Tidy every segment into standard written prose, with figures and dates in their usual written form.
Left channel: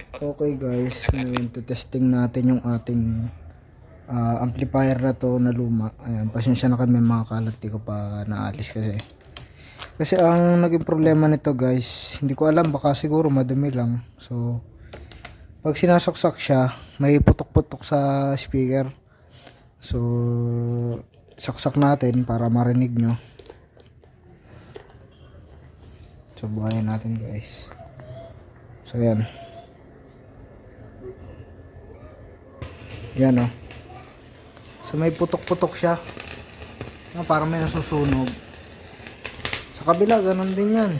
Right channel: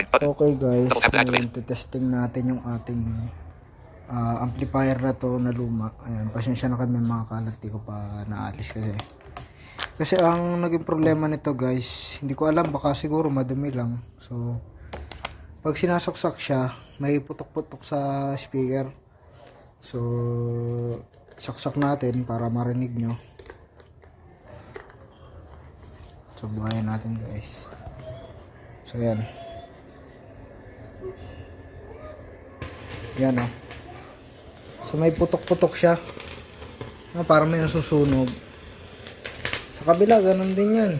Okay guys, ngayon testing natin yung ating amplifier na to na luma. Ayan, pasensya na kami mga kalat, di ko pa naalis kasi ang naging problema nito guys, hindi ko alam, baka siguro madumi lang. So pag sinasaksak siya, may putok-putok sa speaker. So saksak natin para marinig nyo. So buhayan natin guys. So yan. Yan oh. So may putok-putok siya. Parang may nasusunog. Sa kabila, ganun din yan.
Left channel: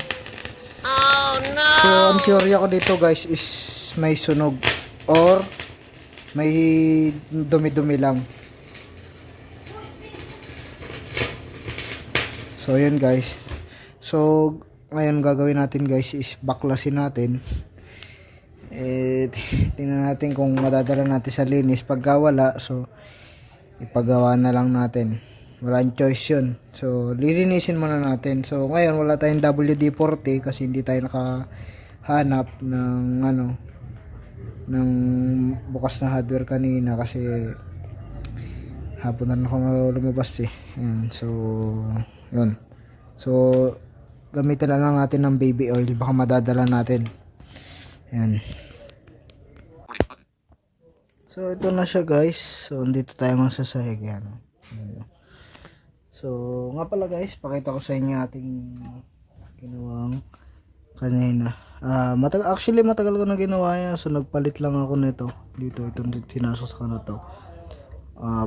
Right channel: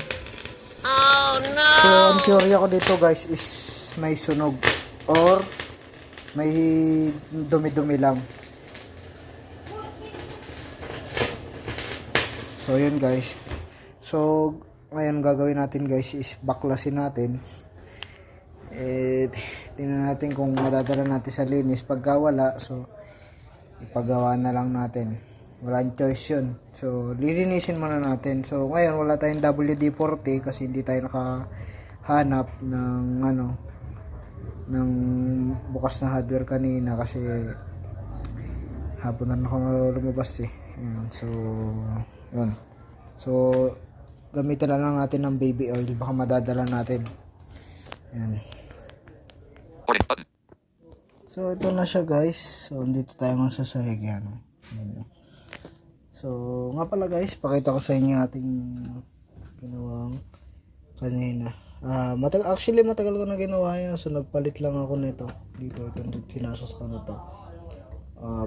Oh no! So ang theory ko dito guys is may sunog or may dumi-dumi lang. So yun guys. So ngayon gagawin natin guys is baklasin natin. Tingnan natin kung madadala natin sa linis. Pagka wala, so ipagawa na lang natin, walang choice yun. So lilinisin muna natin. So ngayon wala tayong WD-40 kasi hindi tayo nakahanap ng ng bukas na hardware kanina kasi hapon na ako lumabas Ayan, so yun. So gamitin lang natin ng baby oil, baka madadala natin. Ayan. So ito na siya guys. So andito tayo sa sahig yan. So nga pala guys, pakita ko sa inyo ating ginawang kanina. Actually matagal ko na ginawa yan. So nagpalit lang ako nito. Dito itong sinasaksak na to.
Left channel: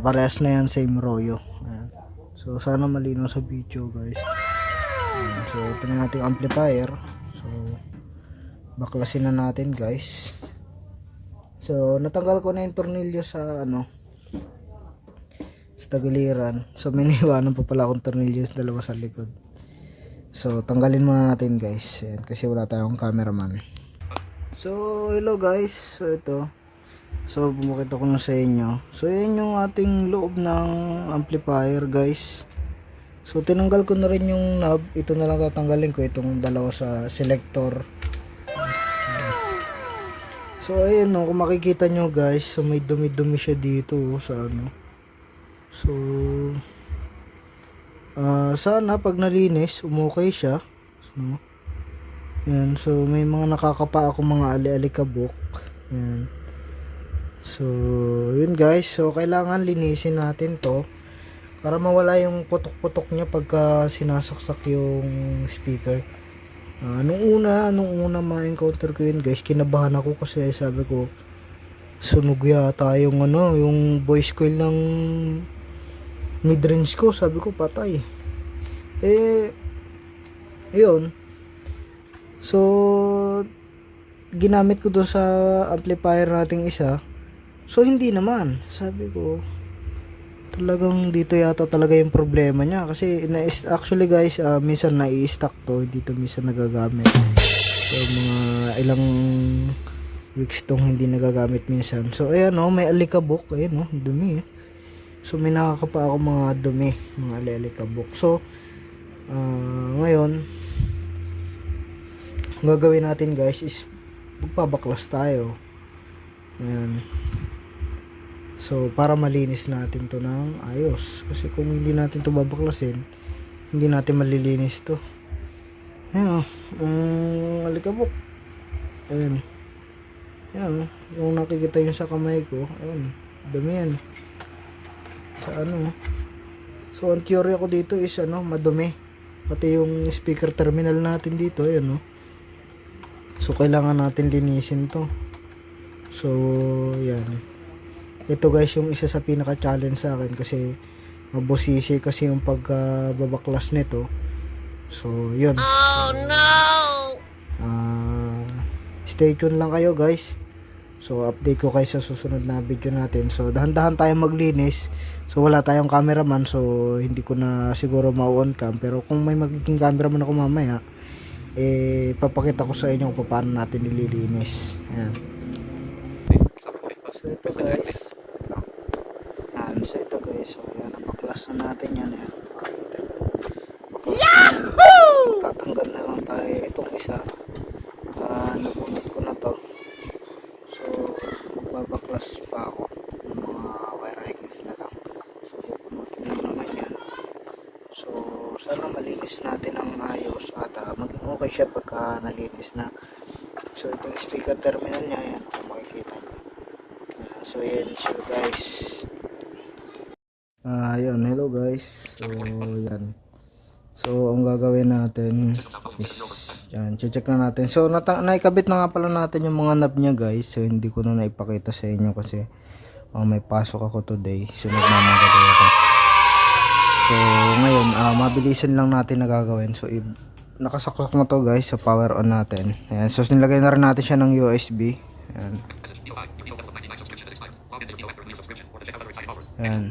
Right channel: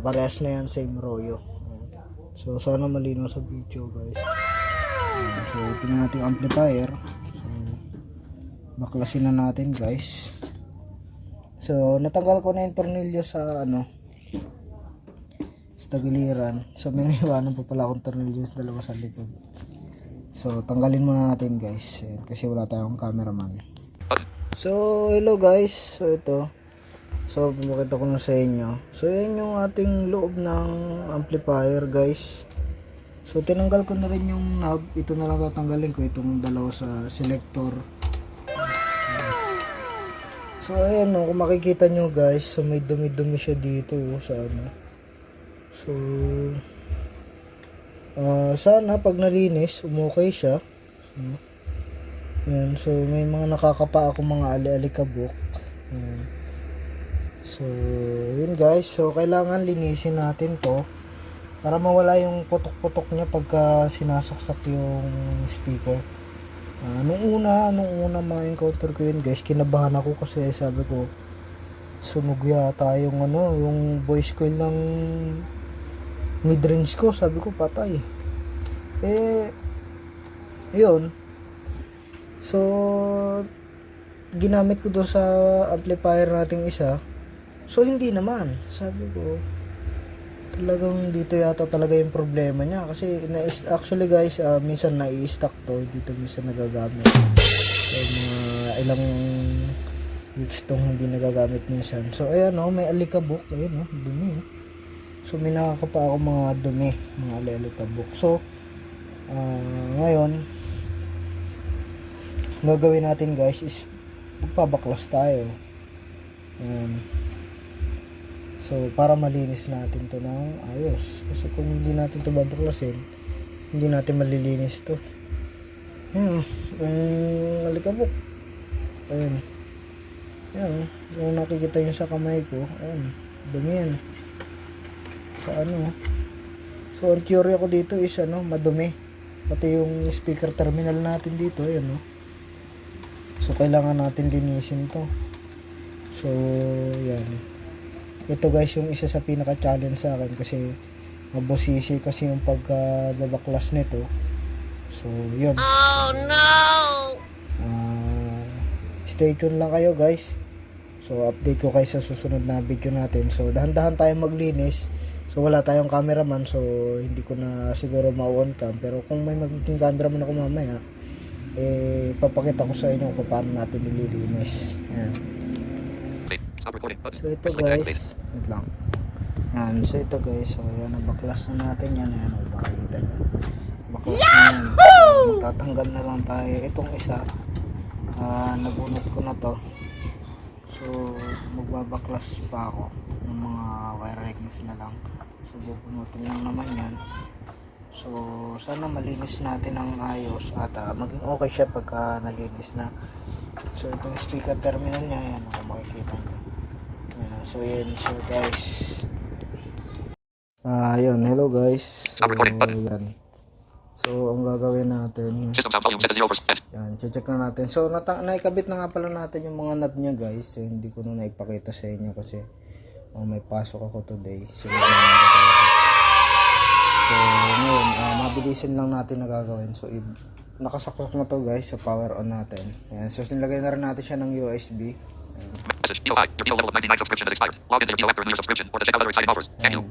Parehas na yan, same Royo. Ayan. So sana malinaw sa video guys. Ayan. So ito na ating amplifier. So baklasin na natin guys. So natanggal ko na yung tornilyo sa sa tagiliran. So may niwanan pa pala akong tornilyo sa dalawa sa likod. So tanggalin muna natin guys. Ayan, kasi wala tayong cameraman. So hello guys. So ito. So pumakita ko na sa inyo. So yan yung ating loob ng amplifier guys. So tinanggal ko na rin yung knob. Ito na lang tatanggalin ko, itong dalawa sa selector. So ayan kung makikita nyo guys, so may dumi-dumi siya dito sa So sana pag nalinis umukay siya. So ayan, so may mga nakakapa ako mga ali-alikabok. Ayan. So yun guys, so kailangan linisin natin to para mawala yung putok-putok niya pagka sinasaksak yung speaker. Nung una ma-encounter ko yun guys, kinabahan ako kasi sabi ko sunog yata yung yung voice coil ng mid-range ko, sabi ko patay. Ayun. So ginamit ko doon sa amplifier nating isa. So hindi naman, sabi ko talagang dito yata talaga yung problema niya kasi actually guys, minsan nai-stock to, dito minsan nagagamit. So mga ilang weeks tong hindi nagagamit minsan. So ayan may alikabok, ayan dumi. So may nakakapa ako mga dumi, mga alikabok. So ngayon gagawin natin guys is magpabaklas tayo. Ayan. So para malinis natin to ng ayos, kasi kung hindi natin to babaklasin, hindi natin malilinis to. Ayan, alikabok. Ayan. Ayan, kung nakikita nyo sa kamay ko, ayan, dumi yan. Sa So ang theory ako dito is madumi. Pati yung speaker terminal natin dito, ayan So kailangan natin linisin to. So yan. Ito guys yung isa sa pinaka-challenge sa akin kasi mabosisi kasi yung pagbabaklas nito. So yun. Oh no! Stay tuned lang kayo guys. So update ko kayo sa susunod na video natin. So dahan-dahan tayong maglinis. So wala tayong cameraman, so hindi ko na siguro ma-on cam. Pero kung may magiging cameraman ako mamaya, papakita ko sa inyo kung paano natin nililinis. Ayan. So ito guys, wait lang. Yan, so ito guys, so ayan, nabaklas na natin yan. Ayan, makikita nyo. Baklas na yan. Tatanggal na lang tayo. Itong isa, nabunot ko na to. magbabaklas pa ako ng mga wire harness na lang. So bubunutin lang naman yan. So sana malinis natin ng ayos at maging okay siya pagka nalinis na. So ito yung speaker terminal niya, yan kung makikita nyo. So yan siya guys. Yun, hello guys. So yan. So ang gagawin natin, yan, check na natin. So naikabit na nga pala natin yung mga knob niya guys. So hindi ko na naipakita sa inyo kasi may pasok ako today. So nagmamagalaw ako. So ngayon, mabilisan lang natin na gagawin. So nakasaksak na to guys, sa power on natin. Ayan, so nilagay na rin natin siya ng USB. Ayan. Ayan.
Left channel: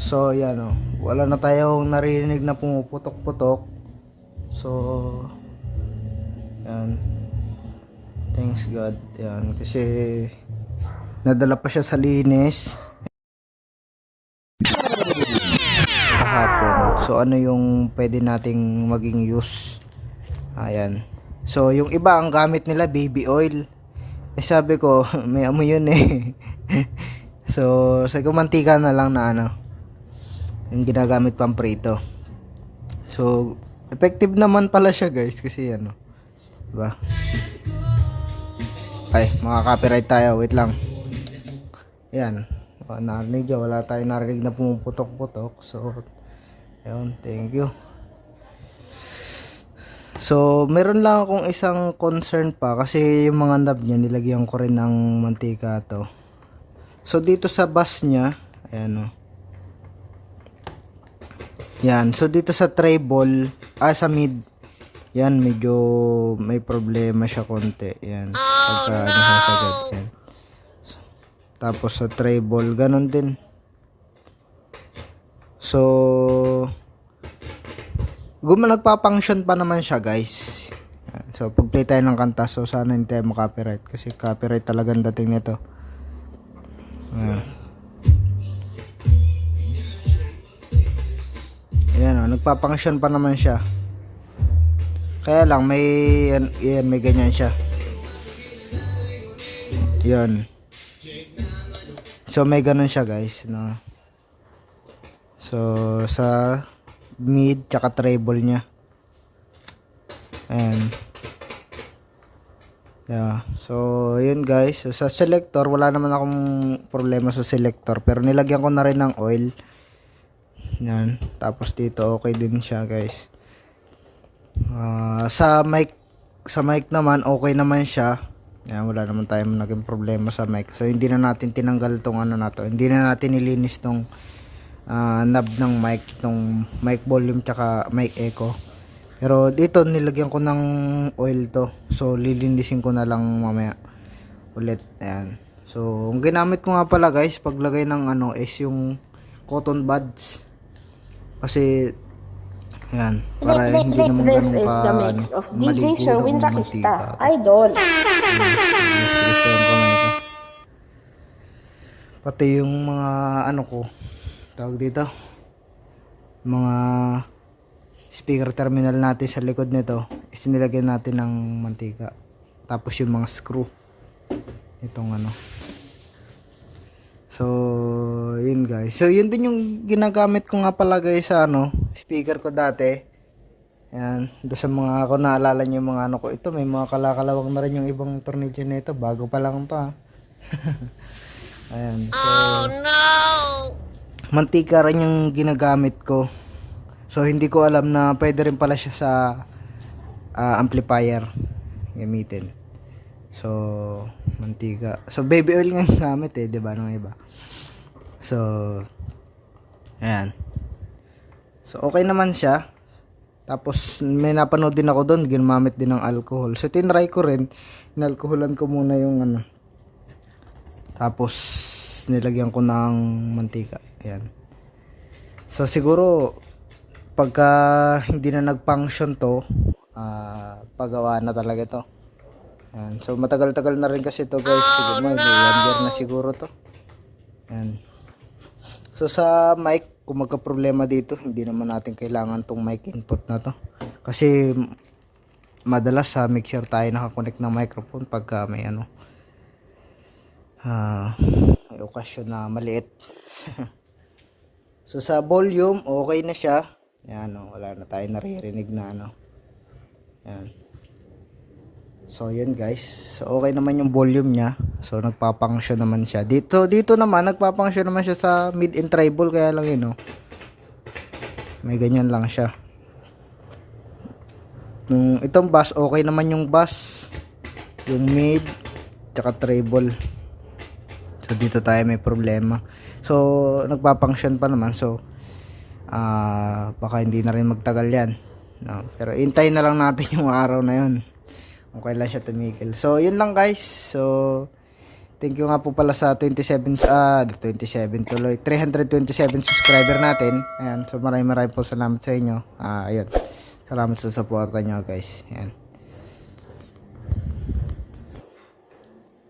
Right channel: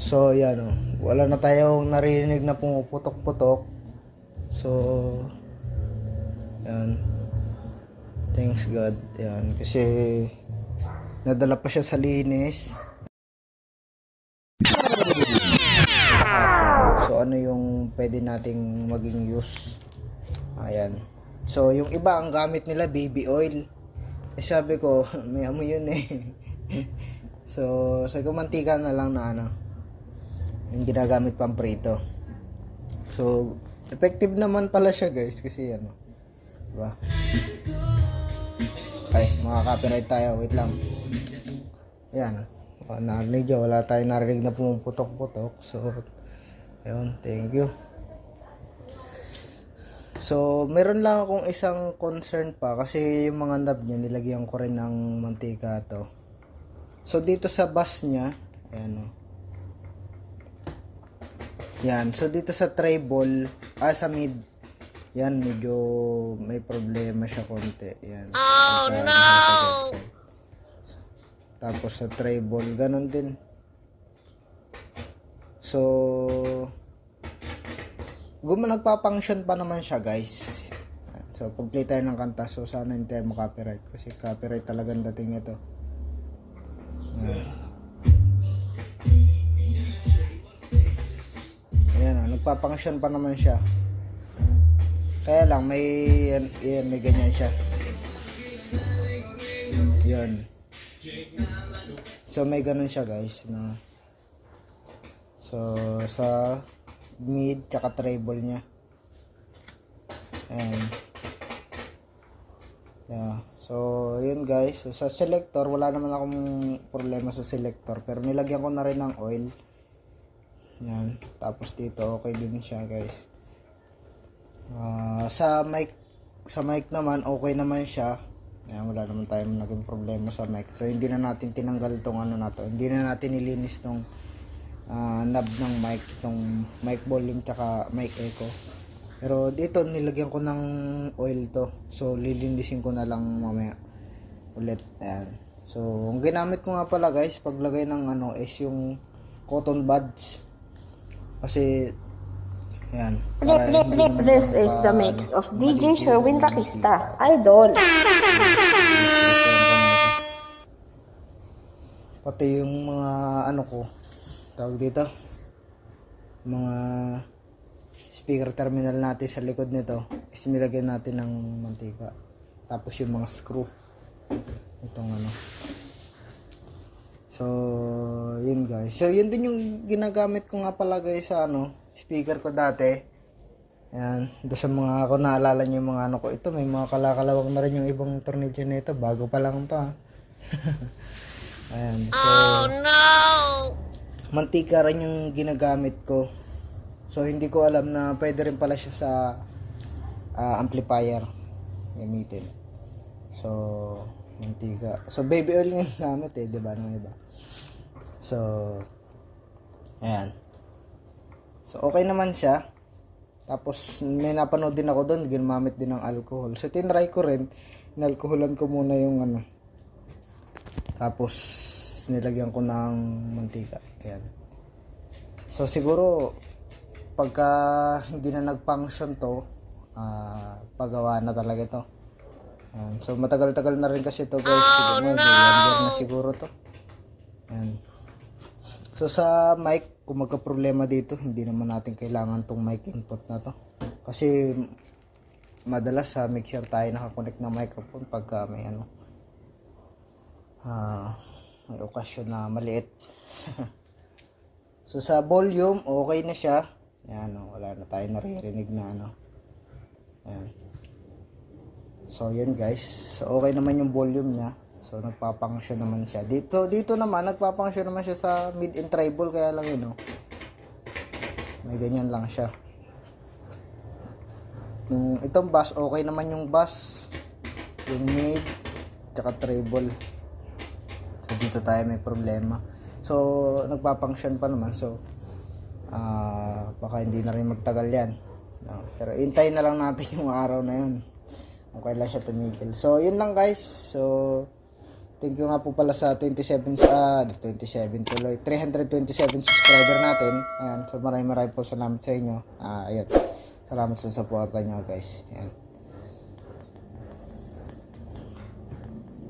So yan o, wala na tayong narinig na pumuputok-putok. So yan, thanks God. Yan, kasi nadala pa siya sa linis kahapon. So ano yung pwede nating maging use? Ayan. So yung iba ang gamit nila baby oil. Sabi ko may amoy yun eh. So sa mantika na lang na ano yung ginagamit pang prito. So effective naman pala siya guys kasi ano, diba? Ay, maka-copyright tayo, wait lang. Yan, narinig nyo, wala tayong narinig na pumuputok-putok. So ayun, thank you. So meron lang akong isang concern pa kasi yung mga knob niya nilagyan ko rin ng mantika to. So dito sa bus niya, ayan o. Yan, so dito sa treble, sa mid, yan medyo may problema siya konti. Yan. Oh no! Tapos sa treble, ganun din. So nagpa-function pa naman siya guys. Yan. So pag play tayo ng kanta, so sana hindi tayo copyright kasi copyright talagang dating nito. Ayan o, nagpa-function pa naman siya. Kaya lang may may ganyan siya. Yan. So may ganun siya guys, no. So sa mid tsaka treble niya. Ayan. Yeah. So yun guys. So, sa selector wala naman akong problema sa selector, pero nilagyan ko na rin ng oil. Yan. Tapos dito okay din siya guys. Sa mic naman okay naman siya. Yan, wala naman tayong naging problema sa mic. So hindi na natin tinanggal tong ano na to. Hindi na natin nilinis tong knob ng mic, tong mic volume tsaka mic echo. Pero dito nilagyan ko ng oil to. So lilinisin ko na lang mamaya ulit. Ayan. So ang ginamit ko nga pala guys paglagay ng ano is yung cotton buds. Kasi yan, para hindi naman This is the mix of DJ Sherwin Rakista, Idol. Pati yung mga ano ko, tawag dito, mga speaker terminal natin sa likod nito is nilagyan natin ng mantika. Tapos yung mga screw itong ano. So yun guys, so yun din yung ginagamit ko nga pala guys sa ano speaker ko dati. Yan, doon sa mga ako naalala nyo yung mga ano ko, ito may mga kalakalawang na rin yung ibang tornilyo na ito, bago pa lang to ha. Ayan, so oh no, mantika rin yung ginagamit ko. So hindi ko alam na pwede rin pala siya sa amplifier gamitin. So mantika, so baby oil nga yung gamit eh, diba nung iba. So ayan, so okay naman siya. Tapos may napanood din ako doon, ginamit din ng alcohol. So tinry ko rin, inalkoholan ko muna yung ano, tapos nilagyan ko ng mantika. Ayan. So siguro pagka hindi na nag-function to, pagawa na talaga to. Ayan. So matagal-tagal na rin kasi to guys. Siguro no! 1 year na siguro to. Ayan. So sa mic, kung magka-problema dito, hindi naman natin kailangan tong mic input na to. Kasi madalas sa mixer tayo nakakonect ng microphone pagka may may okasyon na maliit. So sa volume okay na siya. Yan, wala na tayong naririnig na yan. So yun guys, so okay naman yung volume niya. So nagpa-function naman siya. Dito naman nagpa-function naman siya sa mid and treble, kaya lang yun may ganyan lang siya. Itong bass okay naman, yung bass, yung mid, tsaka treble. So dito tayo may problema. So nagpa-function pa naman, so baka hindi na rin magtagal yan. Pero hintayin na lang natin yung araw na yun. Okay lang siya tumigil. So yun lang guys. So thank you nga po pala sa 327 tuloy 327 subscriber natin. Ayan, so maraming po salamat sa inyo. Ayun. Salamat sa suporta nyo guys. Ayan.